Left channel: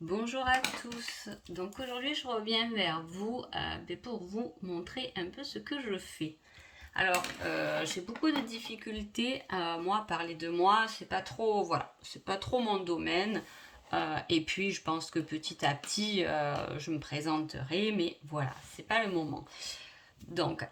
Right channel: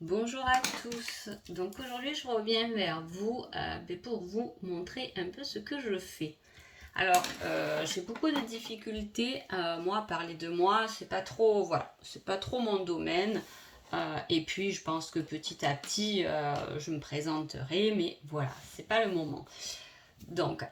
Bonjour à tous, donc aujourd'hui je reviens vers vous pour vous montrer un peu ce que je fais. Alors j'ai beaucoup de difficultés, moi à parler de moi, c'est pas trop, voilà, c'est pas trop mon domaine. Et puis je pense que petit à petit je me présenterai, mais voilà, c'est pas le moment. Donc,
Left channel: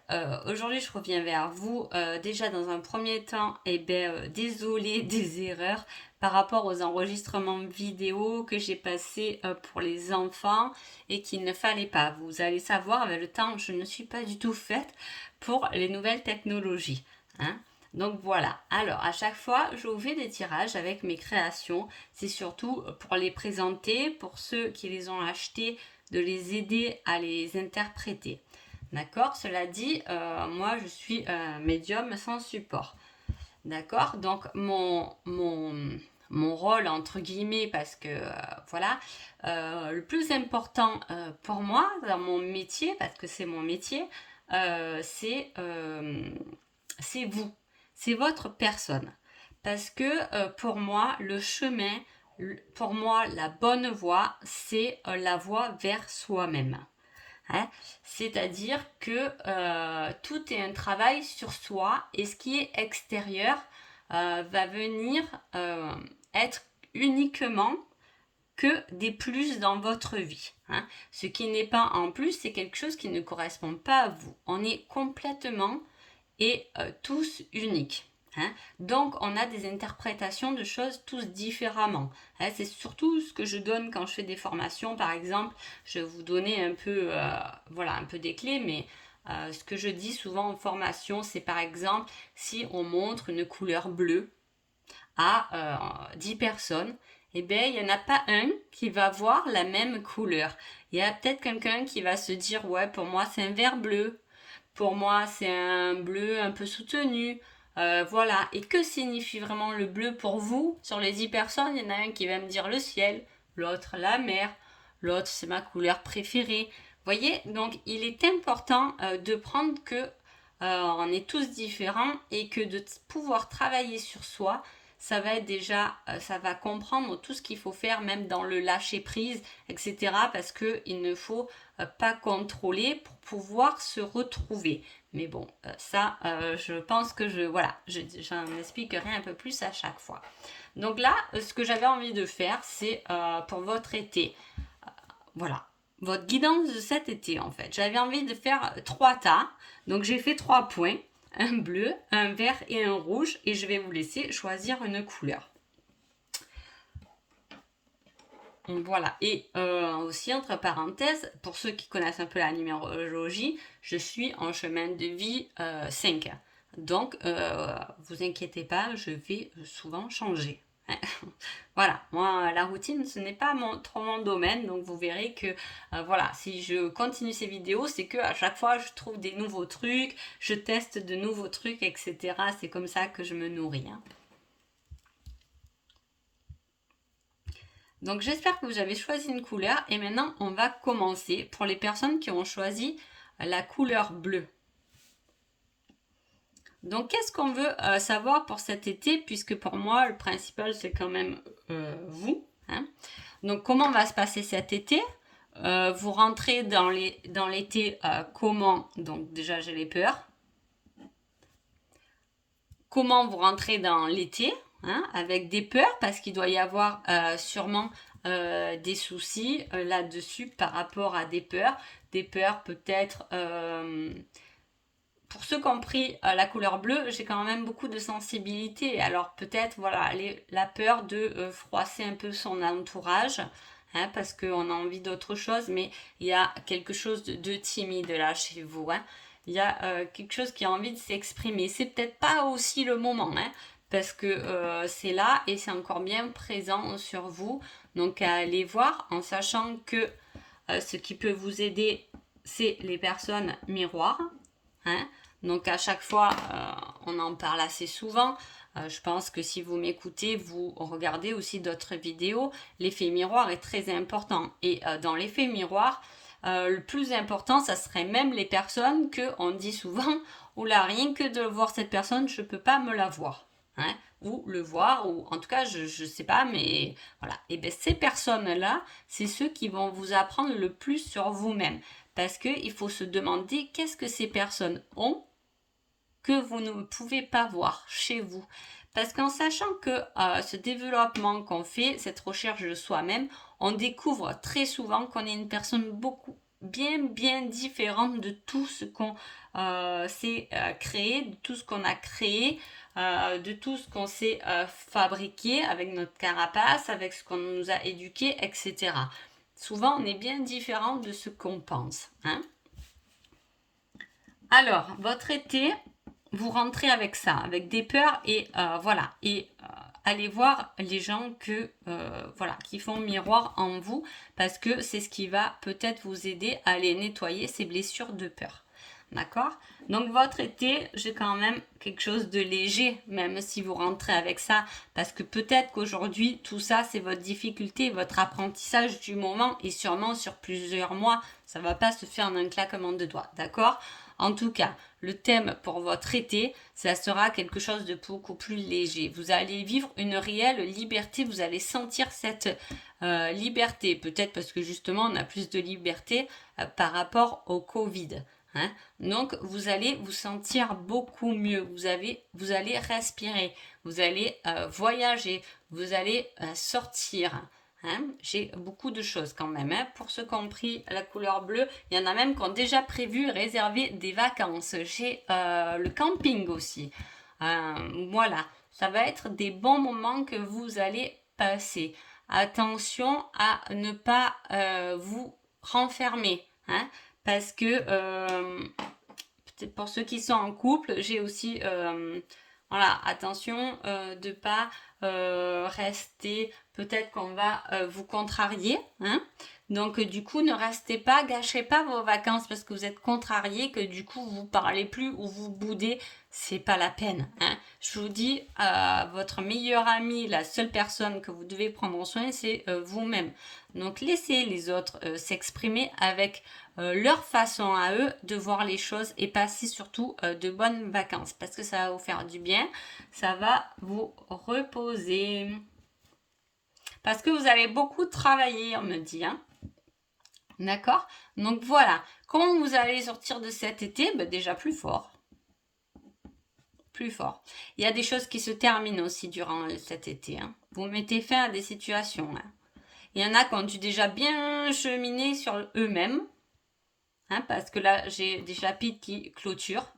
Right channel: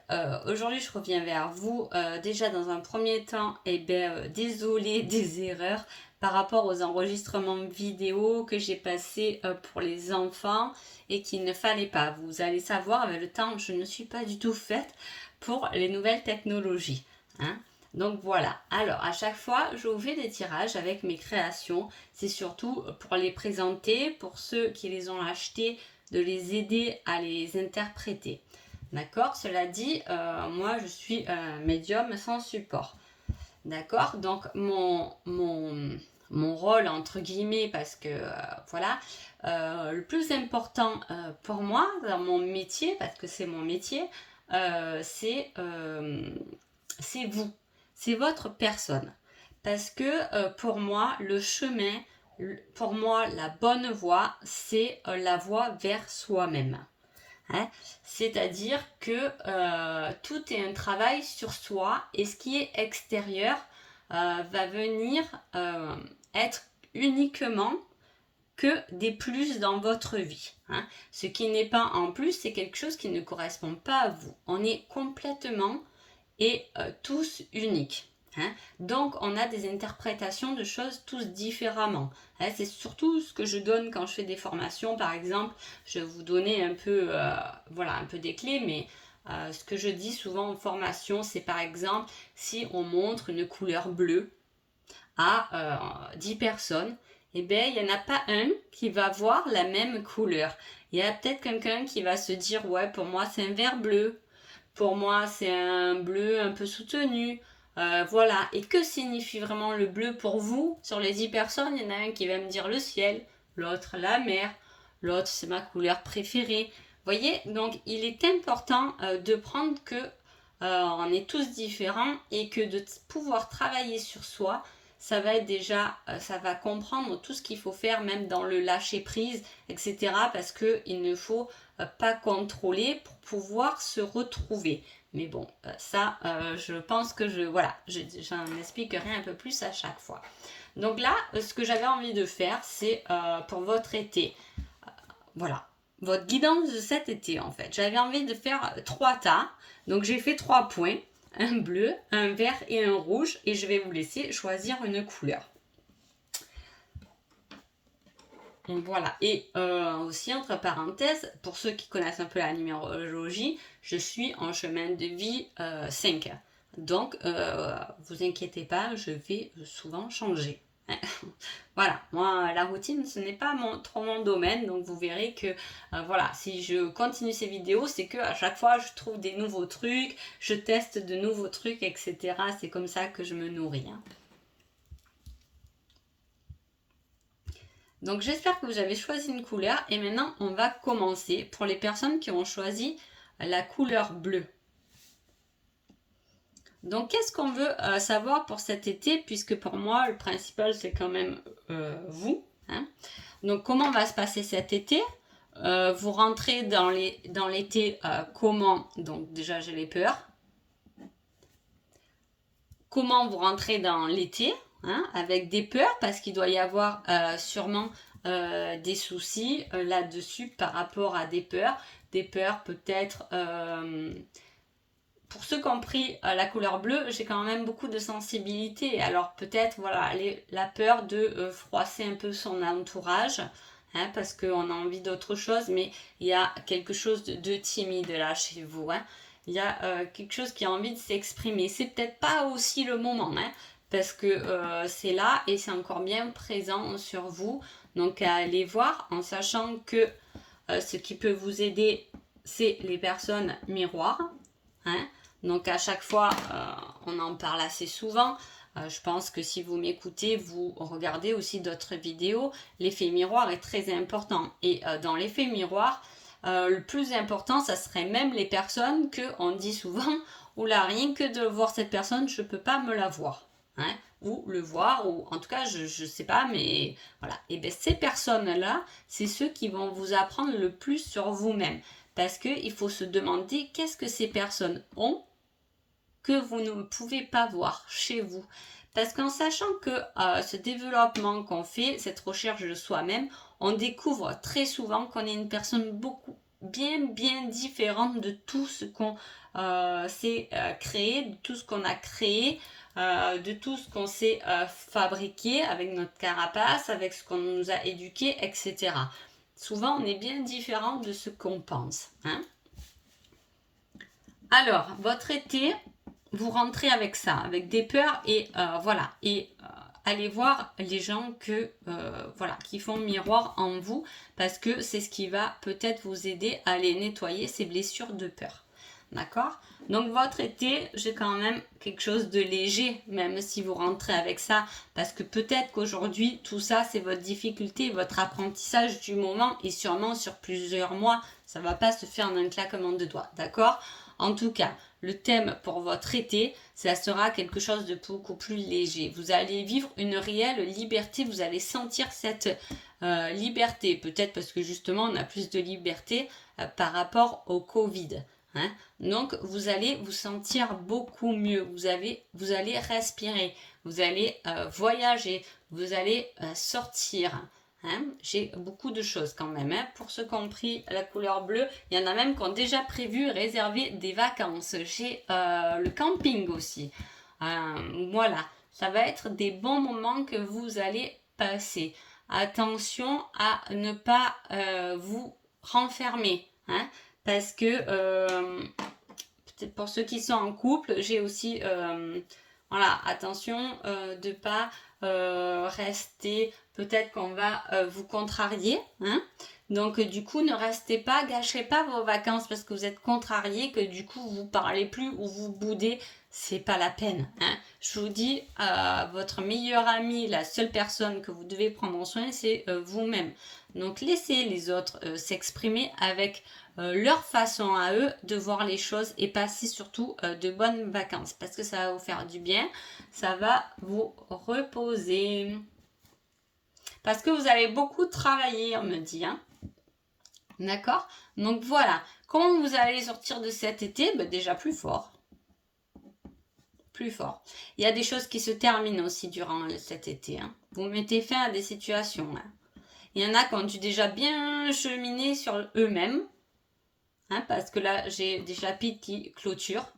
aujourd'hui, je reviens vers vous. Déjà, dans un premier temps, désolé des erreurs par rapport aux enregistrements vidéo que j'ai passés pour les enfants et qu'il ne fallait pas. Vous allez savoir, avec le temps, je ne suis pas du tout faite pour les nouvelles technologies, hein. Donc voilà. Alors, à chaque fois, je vous fais des tirages avec mes créations. C'est surtout pour les présenter, pour ceux qui les ont achetés, de les aider à les interpréter. D'accord. Cela dit, moi je suis médium sans support. D'accord. Donc mon rôle, entre guillemets, parce que voilà, le plus important pour moi dans mon métier, parce que c'est mon métier, euh, c'est euh, c'est vous, c'est votre personne. Parce que pour moi, le chemin, pour moi, la bonne voie, c'est la voie vers soi-même. Hein. C'est-à-dire que tout est un travail sur soi et ce qui est extérieur va venir être uniquement que des plus dans votre vie, hein. Ce qui n'est pas en plus, c'est quelque chose qui ne correspond pas à vous. On est complètement et tous uniques, hein. Donc on a des interprétations de choses tous différemment, hein. C'est surtout ce que je donne quand je fais des formations. Par exemple, je vais vous donner un peu, voilà, un peu des clés, mais ce que je dis souvent en formation, c'est par exemple si on montre une couleur bleue à 10 personnes, eh bien, il n'y en a pas un qui va voir la même couleur. Il y a peut-être quelqu'un qui va se dire, ouais, pour moi, c'est un vert bleu. Pour moi, c'est un bleu un peu soutenu. Voilà. Et que signifie vraiment le bleu pour vous? Sur les 10 personnes, il y en a un qui va me dire le ciel, l'autre la mer, l'autre c'est ma couleur préférée. Vous voyez, donc il est important de prendre que on est tous différents et que de pouvoir travailler sur soi, ça va être déjà, ça va comprendre tout ce qu'il faut faire, même dans le lâcher prise, etc. Parce que il ne faut pas contrôler pour pouvoir se retrouver. Mais bon, ça, je pense que voilà, j'en expliquerai un peu plus à chaque fois. Donc là, ce que j'avais envie de faire, c'est pour votre été, voilà, votre guidance de cet été en fait. J'avais envie de faire 3 tas, donc j'ai fait 3 points, un bleu, un vert et un rouge, et je vais vous laisser choisir une couleur. Voilà. Et aussi, entre parenthèses, pour ceux qui connaissent un peu la numérologie, je suis en chemin de vie 5. Donc, vous inquiétez pas, je vais souvent changer. Voilà, moi, la routine, ce n'est pas trop mon domaine, donc vous verrez que, voilà, si je continue ces vidéos, c'est que à chaque fois, je trouve des nouveaux trucs, je teste de nouveaux trucs, etc. C'est comme ça que je me nourris, hein. Donc j'espère que vous avez choisi une couleur et maintenant on va commencer pour les personnes qui ont choisi la couleur bleue. Donc qu'est-ce qu'on veut savoir pour cet été, puisque pour moi le principal c'est quand même vous, hein. Donc comment va se passer cet été? Vous rentrez dans l'été comment? Donc déjà j'ai les peurs. Comment vous rentrez dans l'été, hein, avec des peurs, parce qu'il doit y avoir sûrement des soucis là-dessus par rapport à des peurs peut-être. Pour ceux qui ont pris la couleur bleue, j'ai quand même beaucoup de sensibilité. Alors peut-être voilà la peur de froisser un peu son entourage, hein, parce qu'on a envie d'autre chose, mais il y a quelque chose de timide là chez vous, hein. Il y a quelque chose qui a envie de s'exprimer. C'est peut-être pas aussi le moment, hein, parce que c'est là et c'est encore bien présent sur vous. Donc à aller voir en sachant que ce qui peut vous aider, c'est les personnes miroirs, hein. Donc à chaque fois, on en parle assez souvent. Je pense que si vous m'écoutez, vous regardez aussi d'autres vidéos. L'effet miroir est très important. Et dans l'effet miroir, le plus important, ça serait même les personnes que on dit souvent, oula, rien que de voir cette personne, je ne peux pas me la voir, hein. ou le voir, ou en tout cas, je ne sais pas, mais voilà. Et bien, ces personnes-là, c'est ceux qui vont vous apprendre le plus sur vous-même. Parce qu'il faut se demander qu'est-ce que ces personnes ont que vous ne pouvez pas voir chez vous. Parce qu'en sachant que ce développement qu'on fait, cette recherche de soi-même, on découvre très souvent qu'on est une personne beaucoup bien différente de tout ce qu'on s'est créé, de tout ce qu'on a créé, de tout ce qu'on s'est fabriqué avec notre carapace, avec ce qu'on nous a éduqué, etc. Souvent, on est bien différent de ce qu'on pense. Hein. Alors, votre été, vous rentrez avec ça, avec des peurs et voilà. Et allez voir les gens voilà, qui font miroir en vous parce que c'est ce qui va peut-être vous aider à aller nettoyer ces blessures de peur. D'accord? Donc votre été, j'ai quand même quelque chose de léger, même si vous rentrez avec ça, parce que peut-être qu'aujourd'hui, tout ça, c'est votre difficulté, votre apprentissage du moment, et sûrement sur plusieurs mois, ça ne va pas se faire en un claquement de doigts, d'accord? En tout cas, le thème pour votre été, ça sera quelque chose de beaucoup plus léger. Vous allez vivre une réelle liberté, vous allez sentir cette liberté, peut-être parce que justement, on a plus de liberté par rapport au Covid. Hein. Donc, vous allez vous sentir beaucoup mieux. Vous allez respirer, vous allez voyager, vous allez sortir. Hein. J'ai beaucoup de choses quand même. Hein. Pour ceux qui ont pris la couleur bleue, il y en a même qui ont déjà prévu réserver des vacances. J'ai le camping aussi. Voilà, ça va être des bons moments que vous allez passer. Attention à ne pas vous renfermer. Hein. Parce que, peut-être pour ceux qui sont en couple, j'ai aussi, voilà, attention de ne pas rester, peut-être qu'on va vous contrarier. Hein. Donc, du coup, ne restez pas, gâchez pas vos vacances parce que vous êtes contrarié, que du coup, vous parlez plus ou vous boudez. C'est pas la peine. Hein. Je vous dis, votre meilleur ami, la seule personne que vous devez prendre soin, c'est vous-même. Donc, laissez les autres s'exprimer avec leur façon à eux de voir les choses et passer surtout de bonnes vacances parce que ça va vous faire du bien, ça va vous reposer. Parce que vous allez beaucoup travailler, on me dit. Hein. D'accord? Donc voilà. Comment vous allez sortir de cet été? Ben, déjà plus fort. Plus fort. Il y a des choses qui se terminent aussi durant cet été. Hein. Vous mettez fin à des situations. Hein. Il y en a qui ont dû déjà bien cheminer sur eux-mêmes. Hein, parce que là, j'ai des chapitres qui clôturent.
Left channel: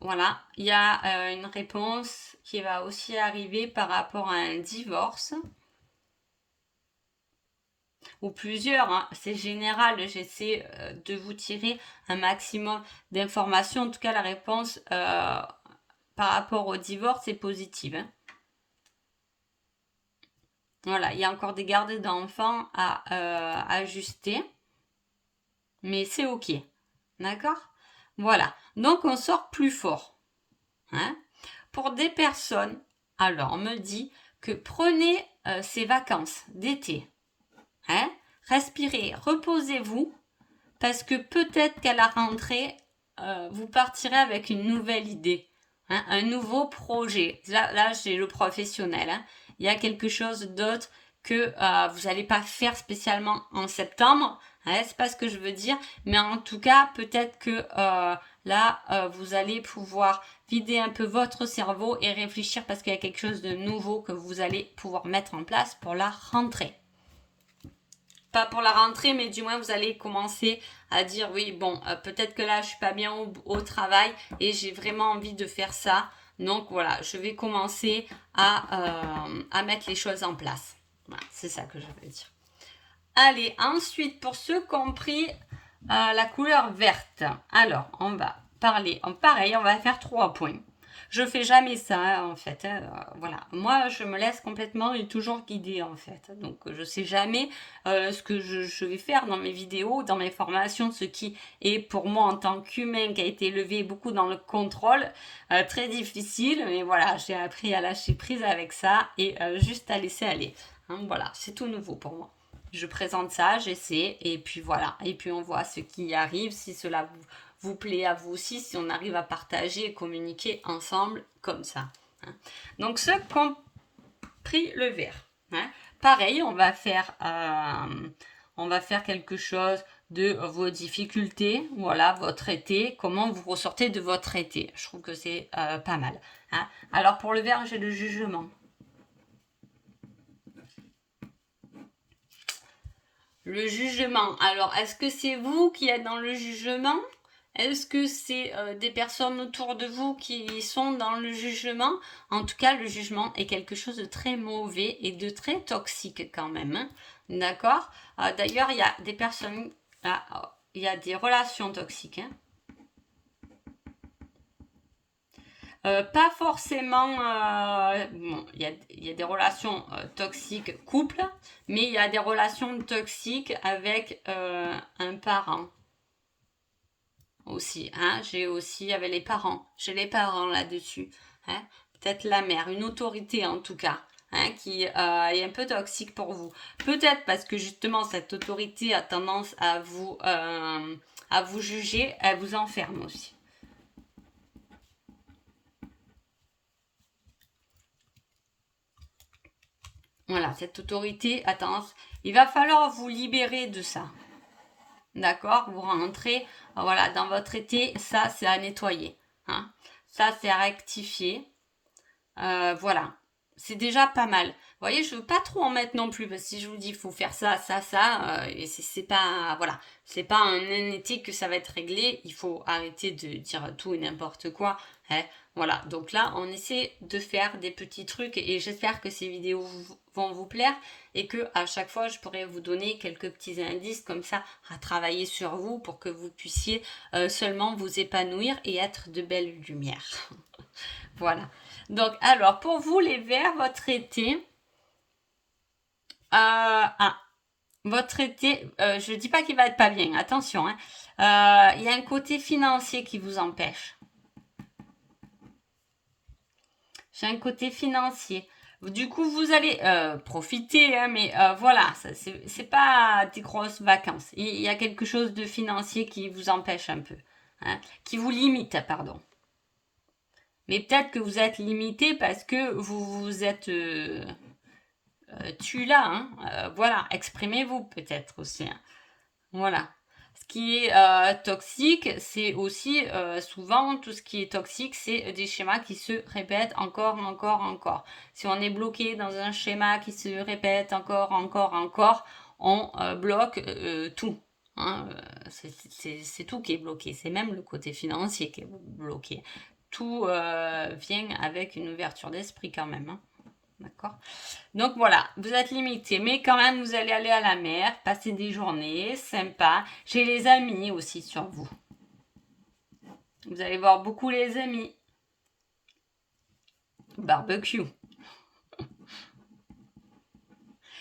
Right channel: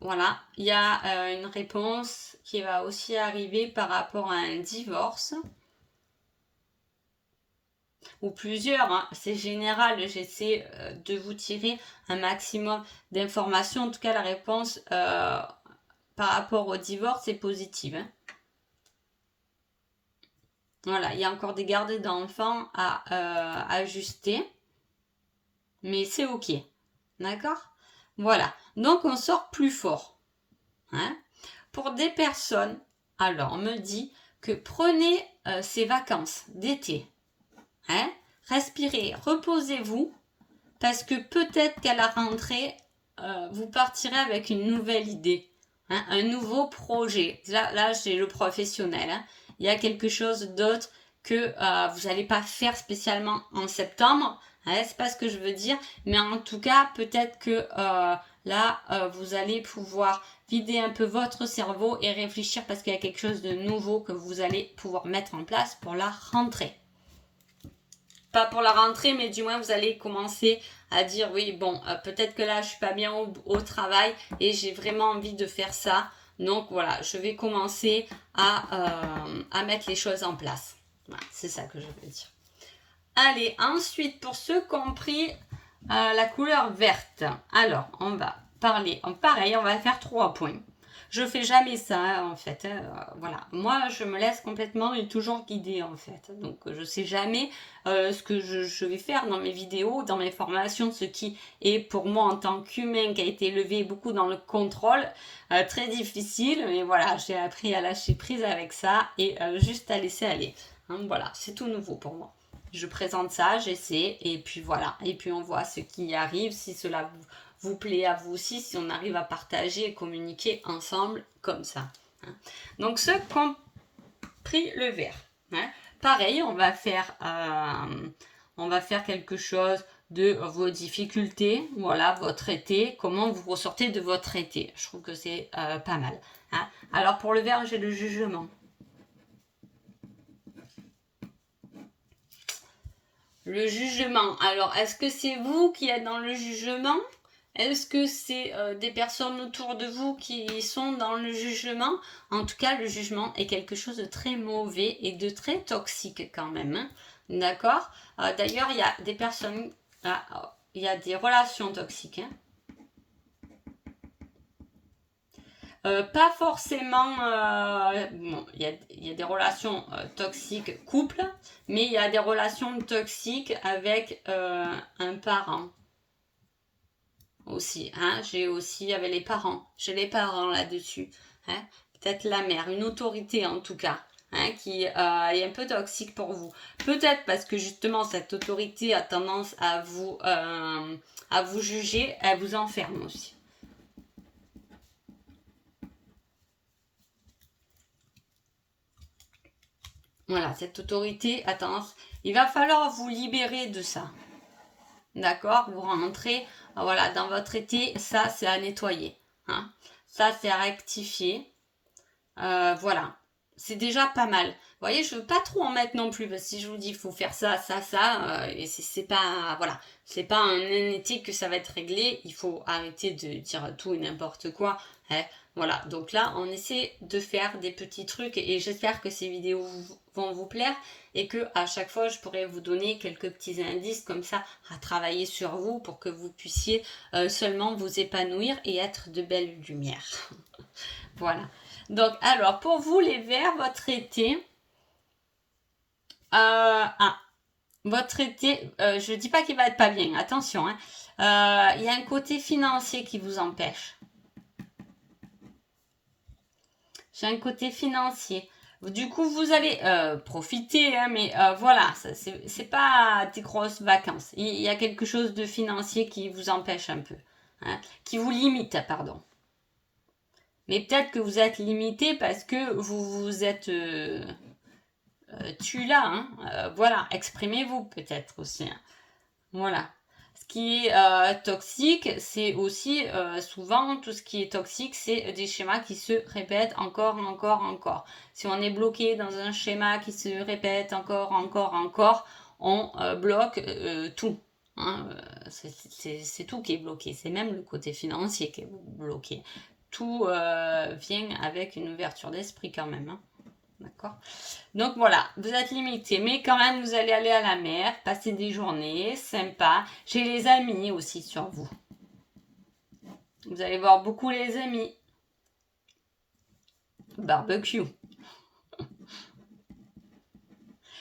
Voilà. Il y a une réponse qui va aussi arriver par rapport à un divorce. Ou plusieurs, hein. C'est général, j'essaie de vous tirer un maximum d'informations. En tout cas, la réponse par rapport au divorce est positive. Hein. Voilà, il y a encore des gardes d'enfants à ajuster, mais c'est ok. D'accord? Voilà, donc on sort plus fort. Hein. Pour des personnes, alors on me dit que prenez ces vacances d'été. Hein, respirez, reposez-vous, parce que peut-être qu'à la rentrée, vous partirez avec une nouvelle idée, hein, un nouveau projet. Là j'ai le professionnel. Hein. Il y a quelque chose d'autre que vous n'allez pas faire spécialement en septembre. Hein, c'est pas ce que je veux dire, mais en tout cas, peut-être que là, vous allez pouvoir vider un peu votre cerveau et réfléchir parce qu'il y a quelque chose de nouveau que vous allez pouvoir mettre en place pour la rentrée. Pas pour la rentrée, mais du moins vous allez commencer à dire oui, bon, peut-être que là je suis pas bien au travail et j'ai vraiment envie de faire ça. Donc voilà, je vais commencer à mettre les choses en place. Voilà, c'est ça que je veux dire. Allez, ensuite, pour ceux qui ont pris la couleur verte, alors on va parler, pareil, on va faire 3 points. Je fais jamais ça en fait. Hein. Voilà, moi je me laisse complètement et toujours guider en fait. Donc je sais jamais ce que je vais faire dans mes vidéos, dans mes formations, ce qui est pour moi en tant qu'humain qui a été élevé beaucoup dans le contrôle, très difficile. Mais voilà, j'ai appris à lâcher prise avec ça et juste à laisser aller. Hein, voilà, c'est tout nouveau pour moi. Je présente ça, j'essaie et puis voilà. Et puis on voit ce qui arrive, si cela vous plaît à vous aussi, si on arrive à partager et communiquer ensemble comme ça. Hein. Donc, ceux qui ont pris le vert. Hein. Pareil, on va faire quelque chose de vos difficultés, voilà, votre été, comment vous ressortez de votre été. Je trouve que c'est pas mal. Hein. Alors, pour le vert, j'ai le jugement. Le jugement. Alors, est-ce que c'est vous qui êtes dans le jugement? Est-ce que c'est des personnes autour de vous qui sont dans le jugement? En tout cas, le jugement est quelque chose de très mauvais et de très toxique quand même. Hein. D'accord. D'ailleurs, il y a des personnes... il y a des relations toxiques. Hein. Pas forcément, bon, il y a des relations toxiques couple, mais il y a des relations toxiques avec un parent aussi. Hein, j'ai aussi avec les parents. J'ai les parents là-dessus. Hein, peut-être la mère, une autorité en tout cas. Hein, qui est un peu toxique pour vous. Peut-être parce que justement cette autorité a tendance à vous juger, elle vous enferme aussi. Voilà, cette autorité a tendance... Il va falloir vous libérer de ça. D'accord? Vous rentrez voilà, dans votre été, ça c'est à nettoyer. Hein? Ça c'est à rectifier. Voilà. C'est déjà pas mal. Vous voyez, je veux pas trop en mettre non plus, parce que si je vous dis il faut faire ça, ça, et c'est pas, voilà, c'est pas un été que ça va être réglé, il faut arrêter de dire tout et n'importe quoi. Hein. Voilà, donc là, on essaie de faire des petits trucs, et j'espère que ces vidéos vont vous plaire, et que à chaque fois, je pourrai vous donner quelques petits indices comme ça à travailler sur vous, pour que vous puissiez seulement vous épanouir et être de belles lumières. Voilà. Donc, alors, pour vous, les verts, votre été... votre été, je ne dis pas qu'il va être pas bien, attention. Hein. Il y a un côté financier qui vous empêche. J'ai un côté financier. Du coup, vous allez profiter, hein, mais voilà, c'est pas des grosses vacances. Il y a quelque chose de financier qui vous empêche un peu. Hein, qui vous limite, pardon. Mais peut-être que vous êtes limité parce que vous êtes tu là, hein. Voilà, exprimez-vous peut-être aussi. Hein. Voilà. Ce qui est toxique, c'est aussi souvent tout ce qui est toxique, c'est des schémas qui se répètent encore, encore, encore. Si on est bloqué dans un schéma qui se répète encore, encore, encore, on bloque tout. Hein. C'est tout qui est bloqué. C'est même le côté financier qui est bloqué. Tout vient avec une ouverture d'esprit quand même. Hein. D'accord? Donc voilà, vous êtes limité, mais quand même, vous allez aller à la mer, passer des journées sympas. J'ai les amis aussi sur vous. Vous allez voir beaucoup les amis. Barbecue.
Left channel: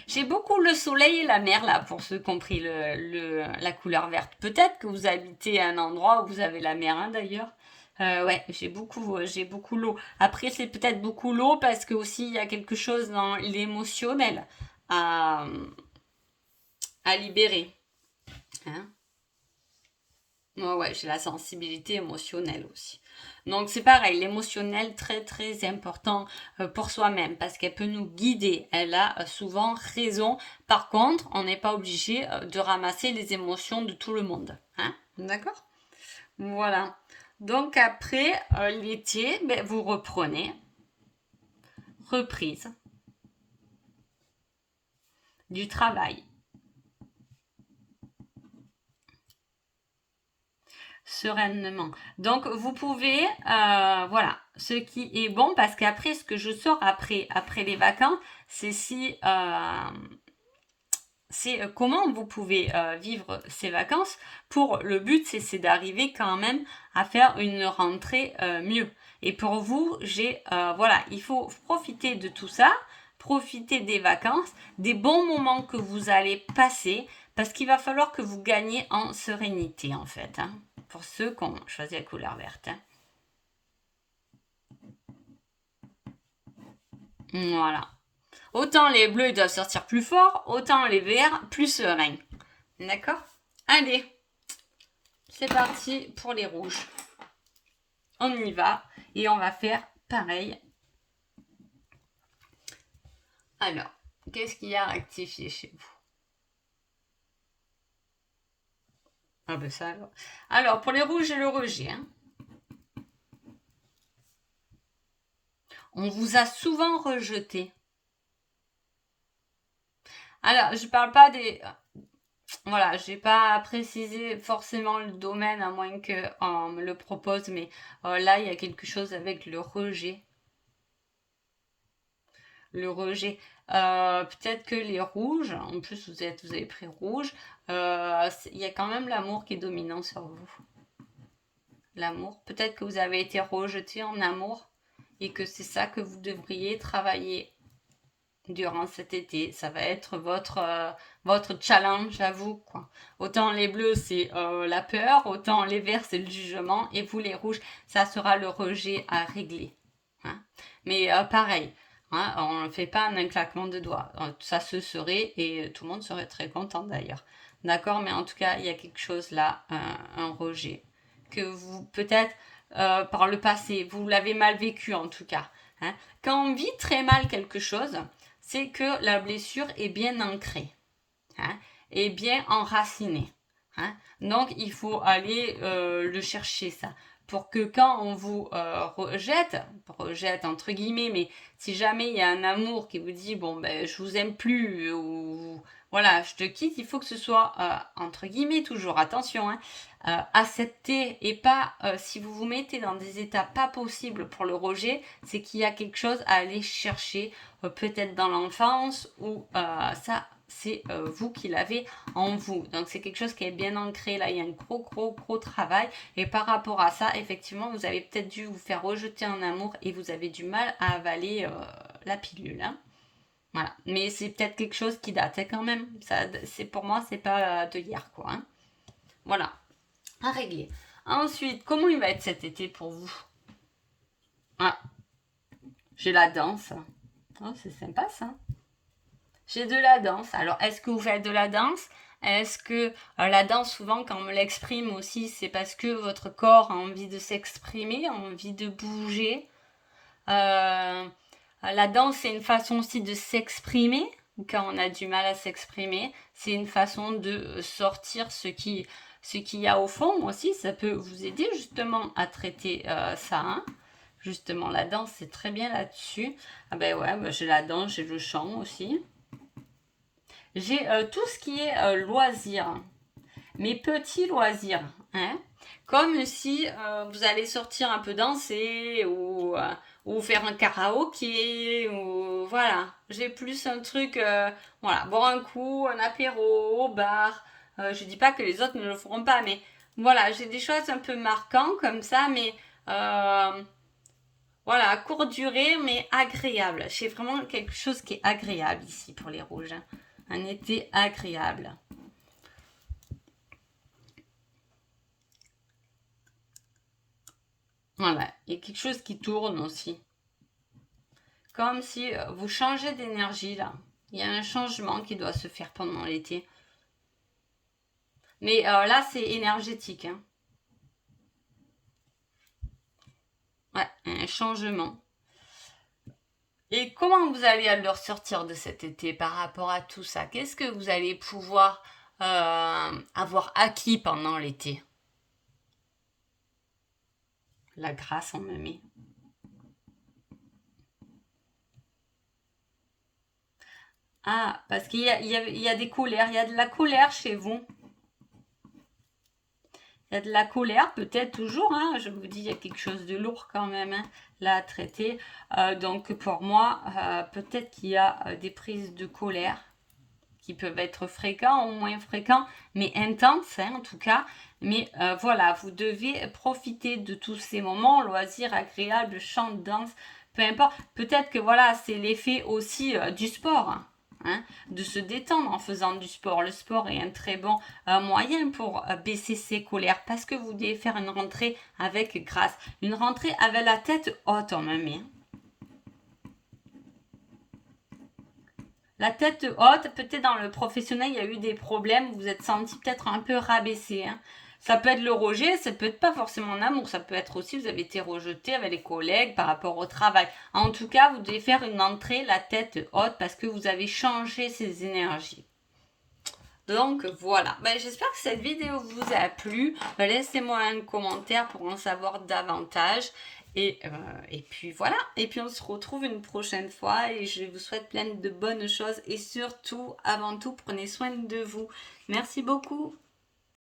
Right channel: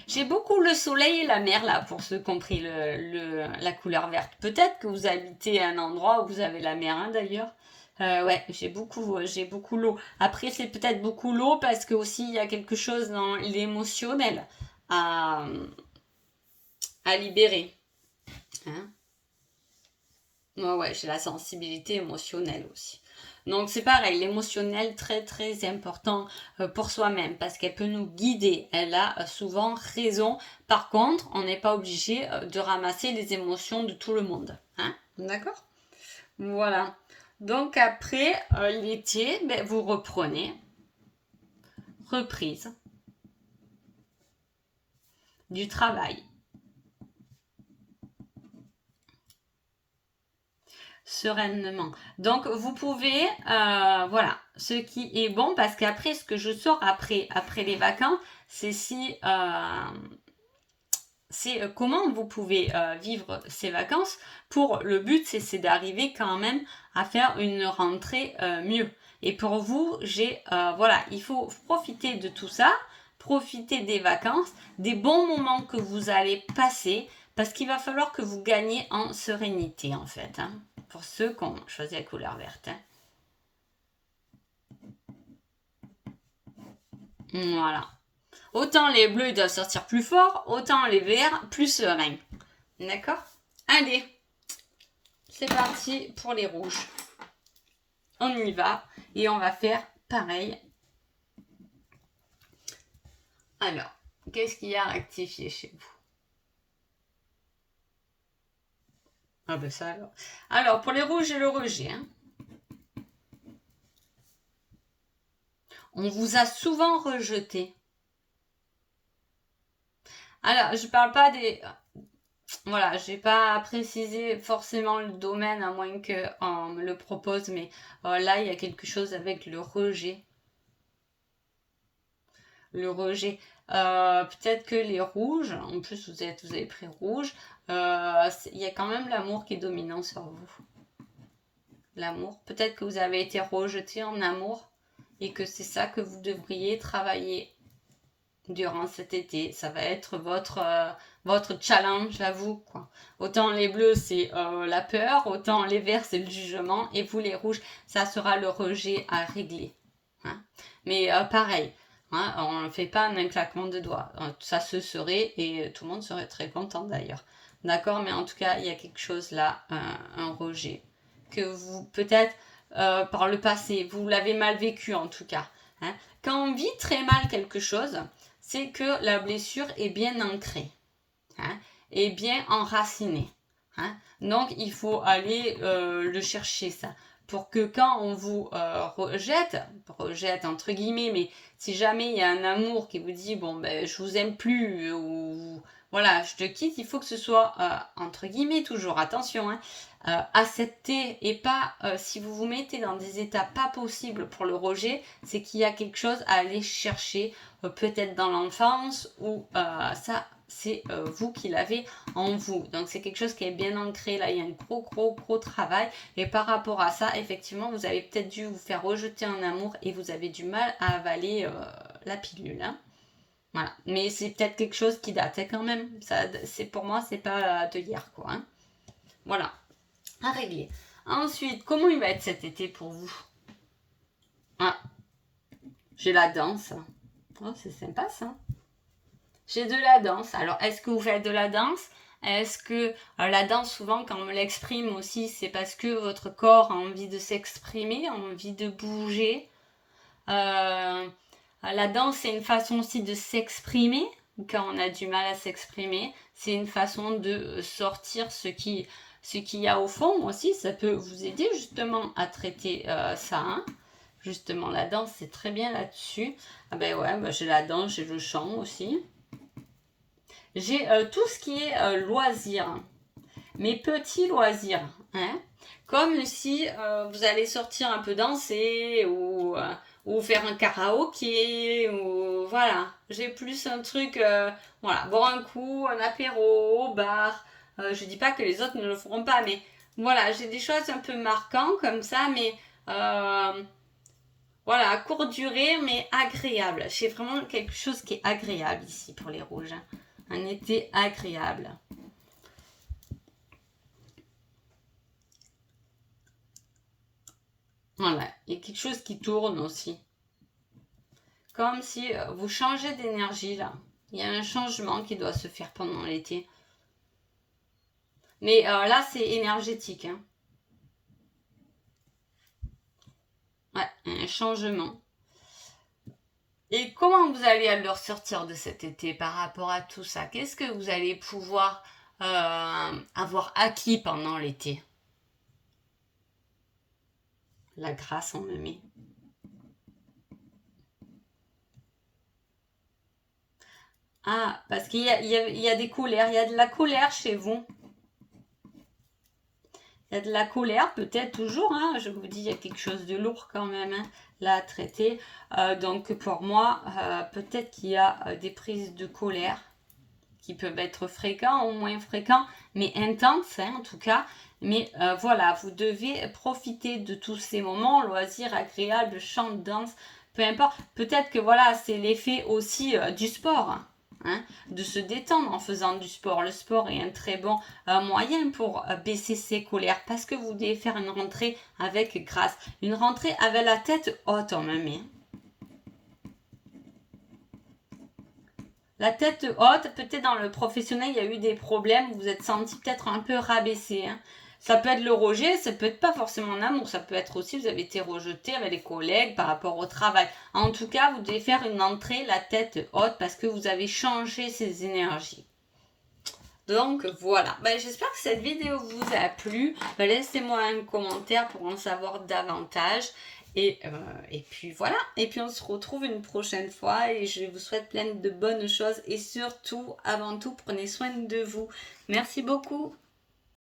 J'ai beaucoup le soleil et la mer là, pour ceux qui ont pris la couleur verte. Peut-être que vous habitez à un endroit où vous avez la mer, hein, d'ailleurs. Ouais, j'ai beaucoup l'eau. Après, c'est peut-être beaucoup l'eau parce que aussi il y a quelque chose dans l'émotionnel à libérer. Hein. Ouais, j'ai la sensibilité émotionnelle aussi. Donc c'est pareil, l'émotionnel très très important pour soi-même parce qu'elle peut nous guider. Elle a souvent raison. Par contre, on n'est pas obligé de ramasser les émotions de tout le monde. Hein. D'accord? Voilà. Donc après l'été, ben, vous reprenez. Reprise du travail. Sereinement. Donc vous pouvez, voilà, ce qui est bon parce qu'après ce que je sors après les vacances, c'est c'est comment vous pouvez vivre ces vacances. Pour le but, c'est d'arriver quand même à faire une rentrée mieux. Et pour vous, voilà, il faut profiter de tout ça, profiter des vacances, des bons moments que vous allez passer, parce qu'il va falloir que vous gagnez en sérénité en fait. Hein, pour ceux qui ont choisi la couleur verte. Hein. Voilà. Autant les bleus ils doivent sortir plus fort, autant les verts plus sereins. D'accord? Allez, c'est parti pour les rouges. On y va et on va faire pareil Alors, qu'est-ce qu'il y a à rectifier chez vous? Ah ben ça alors. Alors, pour les rouges et le rejet, hein, on vous a souvent rejeté. Alors, je parle pas des... Voilà, j'ai pas précisé forcément le domaine à moins qu'on me le propose, mais là, il y a quelque chose avec le rejet. Le rejet. Peut-être que les rouges, en plus vous avez pris rouge, il y a quand même l'amour qui est dominant sur vous. L'amour. Peut-être que vous avez été rejeté en amour et que c'est ça que vous devriez travailler durant cet été. Ça va être votre challenge à vous, quoi. Autant les bleus, c'est la peur, autant les verts, c'est le jugement, et vous, les rouges, ça sera le rejet à régler. Hein. Mais pareil, hein, on ne fait pas un claquement de doigts. Ça se serait, et tout le monde serait très content d'ailleurs. D'accord, mais en tout cas, il y a quelque chose là, un rejet, que vous, peut-être, par le passé, vous l'avez mal vécu en tout cas. Hein. Quand on vit très mal quelque chose, c'est que la blessure est bien ancrée, hein, est bien enracinée. Hein. Donc, il faut aller le chercher, ça. Pour que quand on vous rejette entre guillemets, mais si jamais il y a un amour qui vous dit, bon, ben, je vous aime plus, ou voilà, je te quitte, il faut que ce soit, entre guillemets, toujours, attention, hein, accepter et pas, si vous vous mettez dans des états pas possibles pour le rejet, c'est qu'il y a quelque chose à aller chercher, peut-être dans l'enfance, ou ça, c'est vous qui l'avez en vous. Donc c'est quelque chose qui est bien ancré, là il y a un gros travail, et par rapport à ça, effectivement, vous avez peut-être dû vous faire rejeter en amour, et vous avez du mal à avaler la pilule, hein. Voilà. Mais c'est peut-être quelque chose qui date, hein, quand même. Ça, pour moi, c'est pas de hier, quoi, hein. Voilà, à régler. Ensuite, comment il va être cet été pour vous? Ah, j'ai la danse. Oh, c'est sympa ça. J'ai de la danse. Alors, est-ce que vous faites de la danse? Est-ce que la danse, souvent, quand on me l'exprime aussi, c'est parce que votre corps a envie de s'exprimer, a envie de bouger. La danse, c'est une façon aussi de s'exprimer. Quand on a du mal à s'exprimer, c'est une façon de sortir ce qu'il y a au fond aussi. Ça peut vous aider justement à traiter ça. Hein. Justement, la danse, c'est très bien là-dessus. Ah ben ouais, bah, j'ai la danse, j'ai le chant aussi. J'ai tout ce qui est loisirs, mes petits loisirs, hein, comme si vous allez sortir un peu danser ou faire un karaoké ou voilà. J'ai plus un truc, voilà, boire un coup, un apéro au bar. Je dis pas que les autres ne le feront pas, mais voilà, j'ai des choses un peu marquantes comme ça, mais voilà, à courte durée, mais agréable. J'ai vraiment quelque chose qui est agréable ici pour les rouges. Hein. Un été agréable. Voilà, il y a quelque chose qui tourne aussi. Comme si vous changez d'énergie là. Il y a un changement qui doit se faire pendant l'été. Mais là, c'est énergétique. Hein. Ouais, un changement. Et comment vous allez alors sortir de cet été par rapport à tout ça? Qu'est-ce que vous allez pouvoir avoir acquis pendant l'été? La grâce, on me met. Ah, parce qu'il y a des colères. Il y a de la colère chez vous. Il y a de la colère, peut-être toujours. Hein, je vous dis, il y a quelque chose de lourd quand même hein, là à traiter. Donc pour moi, peut-être qu'il y a des prises de colère qui peuvent être fréquents ou moins fréquents, mais intenses hein, en tout cas. Mais voilà, vous devez profiter de tous ces moments, loisirs agréables, chant, danse, peu importe. Peut-être que voilà, c'est l'effet aussi du sport. Hein, de se détendre en faisant du sport. Le sport est un très bon moyen pour baisser ses colères parce que vous devez faire une rentrée avec grâce. Une rentrée avec la tête haute en même. La tête haute, peut-être dans le professionnel, il y a eu des problèmes, vous vous êtes senti peut-être un peu rabaissé. Hein. Ça peut être le rejet, ça peut être pas forcément en amour, ça peut être aussi vous avez été rejeté avec les collègues par rapport au travail. En tout cas, vous devez faire une entrée la tête haute parce que vous avez changé ces énergies. Donc voilà, j'espère que cette vidéo vous a plu. Laissez-moi un commentaire pour en savoir davantage. Et puis voilà, et puis on se retrouve une prochaine fois et je vous souhaite plein de bonnes choses et surtout, avant tout, prenez soin de vous. Merci beaucoup.